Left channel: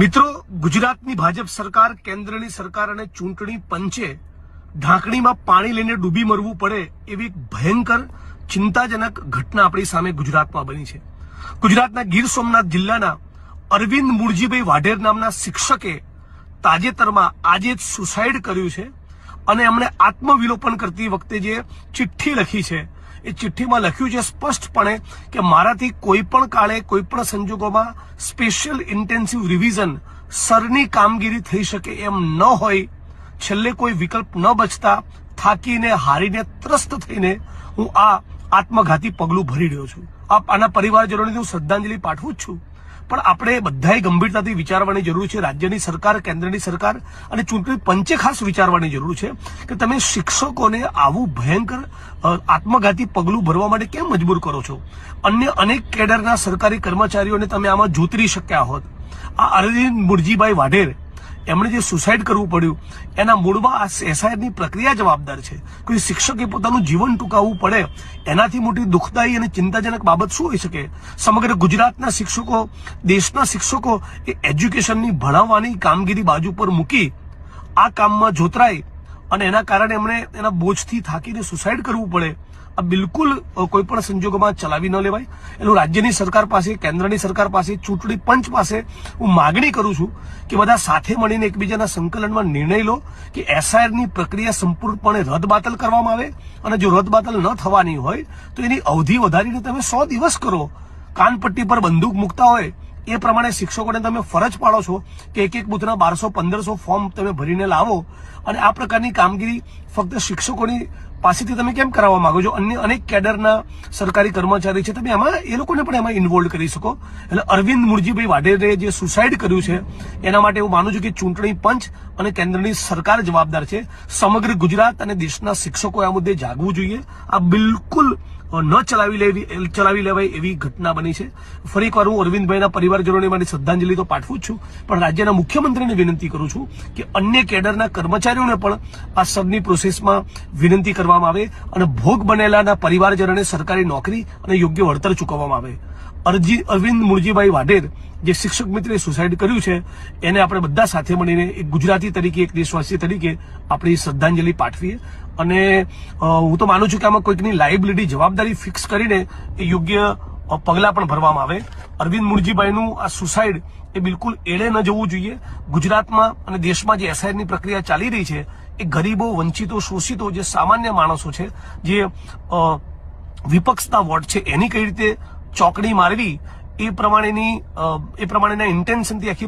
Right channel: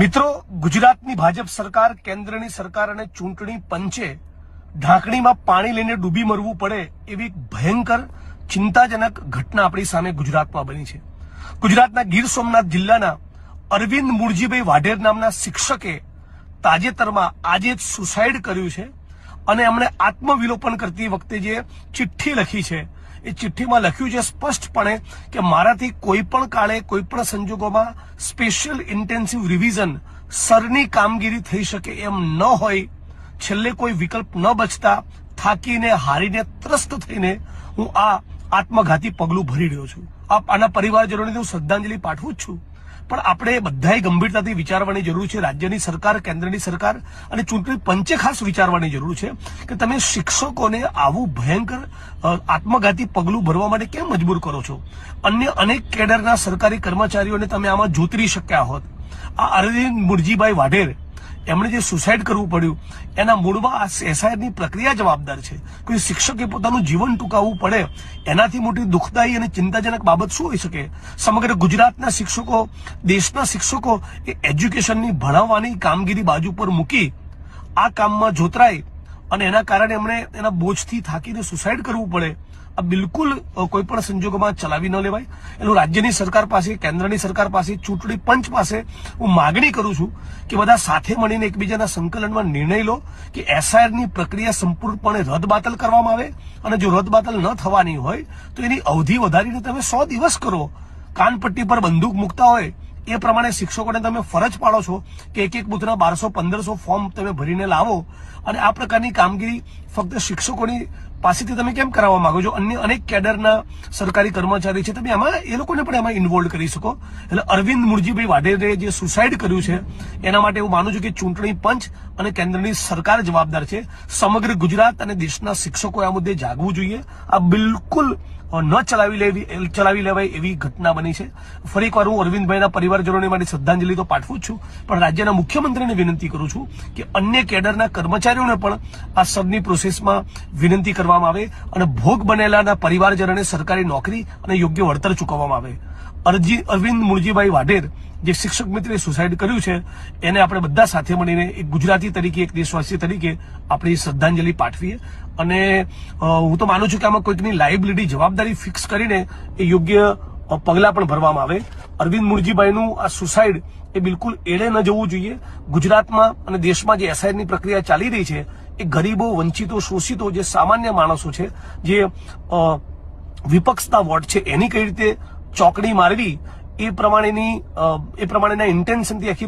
મિત્રો, ગુજરાતની ભાજપ સરકાર, કેન્દ્રની સરકાર અને ચૂંટણી પંચે ઢાંકણીમાં પાણી લઈને ડૂબી મરવું પડે એવી ભયંકર ચિંતાજનક ઘટના આપણી સામે ગુજરાતમાં બની છે. ગુજરાતના ગીર સોમનાથ જિલ્લાના અરવિંદ મૂળજીભાઈ વાઢેર નામના શિક્ષકે તાજેતરમાં આજે જ સુસાઇડ કર્યું છે અને એમણે આત્મવિલોપન કરતી વખતે જે ચિઠ્ઠી લખી છે એ ચિઠ્ઠીમાં લખ્યું છે સ્પષ્ટપણે કે મારાથી કોઈ પણ કાળે કોઈ પણ સંજોગોમાં સ્પેશિયલ ઇન્ટેન્સિવ રિવિઝન સરની કામગીરી થઈ શકે એમ ન હોય. છેલ્લે કોઈ વિકલ્પ ન બચતા થાકીને હારીને ત્રસ્ત થઈને હું આ આત્મઘાતી પગલું ભરી રહ્યો છું. આના પરિવારજનોને હું શ્રદ્ધાંજલિ પાઠવું જ છું. પણ આપણે બધાએ ગંભીરતાથી વિચારવાની જરૂર છે. રાજ્યની સરકાર, કેન્દ્રની સરકાર અને ચૂંટણી પંચે ખાસ વિચારવાની જરૂર છે કે તમે શિક્ષકોને આવું ભયંકર આત્મઘાતી પગલું ભરવા માટે કેમ મજબૂર કરો છો. અન્ય અનેક કેડરના સરકારી કર્મચારીઓને તમે આમાં જોતરી શક્યા હોત. આ અરવિંદ મૂળજીભાઈ વાઢેર એમણે જે સુસાઇડ કરવું પડ્યું એના મૂળમાં આ એસઆઈઆરની પ્રક્રિયા જવાબદાર છે. કોઈ શિક્ષકે પોતાનું જીવન ટૂંકાવવું પડે એનાથી મોટી દુઃખદાયી અને ચિંતાજનક બાબત શું હોઈ શકે? સમગ્ર ગુજરાતના શિક્ષકો, દેશના શિક્ષકો એ એજ્યુકેશનની ભણાવવાની કામગીરી બાજુ પર મૂકી આ કામમાં જોતરાય અને એના કારણે એમણે એના બોજથી થાકીને સુસાઇડ કરવું પડે. આ બિલકુલ કોઈ પણ સંજોગોમાં ચલાવી ન લેવાય. એનું રાજ્યની સરકાર પાસે, કેન્દ્રની સરકાર પાસે, ચૂંટણી પંચ પાસે હું માગણી કરું છું કે બધા સાથે મળીને એકબીજાના સંકલનમાં નિર્ણય લો કે એસઆઈઆરની પ્રક્રિયા સંપૂર્ણપણે રદબાતલ કરવામાં આવે અને જો રદબાતલ ન થવાની હોય તો એની અવધિ વધારીને તમે 100 દિવસ કરો. કાનપટ્ટી પર બંદૂક મૂકતા હોય એ પ્રમાણે શિક્ષકોને તમે ફરજ પાડો છો કે એક બૂથના 1200-1500 ફોર્મ તમે ભરીને લાવો અને આ પ્રકારની કામગીરી ફક્ત શિક્ષકોની પાસેથી તમે કેમ કરાવવા માંગો છો? અન્ય અનેક કેડરના સરકારી કર્મચારી છે, તમે એમાં એ લોકોને પણ એમાં ઇન્વોલ્વ કરી શકો. એટલે અરવિંદ મૂળજીભાઈ વાઢેરે જે સુસાઇડ કર્યું છે એના માટે હું માનું છું કે ચૂંટણી પંચ અને કેન્દ્રની સરકાર જવાબદાર છે. સમગ્ર ગુજરાત અને દેશના શિક્ષકોએ આ મુદ્દે જાગવું જોઈએ. આ બિલકુલ ન ચલાવી લેવાય એવી ઘટના બની છે. ફરી એકવાર હું અરવિંદભાઈના પરિવારજનોને મારી શ્રદ્ધાંજલિ તો પાઠવું જ છું, પણ રાજ્યના મુખ્યમંત્રીને વિનંતી કરું છું કે અન્ય કેડરના કર્મચારીઓને પણ આ સરની પ્રોસેસમાં વિનંતી કરવામાં આવે અને ભોગ બનેલાના પરિવારજનોને સરકારી નોકરી અને યોગ્ય વળતર ચૂકવવામાં આવે. અરવિંદ મૂળજીભાઈ વાઢેર જે શિક્ષક મિત્રે સુસાઇડ કર્યું છે એને આપણે બધા સાથે મળીને એક ગુજરાતી તરીકે, એક દેશવાસી તરીકે આપણી શ્રદ્ધાંજલિ પાઠવીએ. અને હું તો માનું છું કે આમાં કોઈકની લાયબિલિટી, જવાબદારી ફિક્સ કરીને એ યોગ્ય પગલાં પણ ભરવામાં આવે. અરવિંદ મૂળજીભાઈનું આ સુસાઇડ એ બિલકુલ એળે ન જવું જોઈએ. ગુજરાતમાં અને દેશમાં જે એસઆઈઆરની પ્રક્રિયા ચાલી રહી છે એ ગરીબો, વંચિતો, શોષિતો, જે સામાન્ય માણસો છે, જે વિપક્ષના વોટ છે, એની કઈ રીતે ચોકડી મારવી એ પ્રમાણેના ઇન્ટેન્શનથી આખી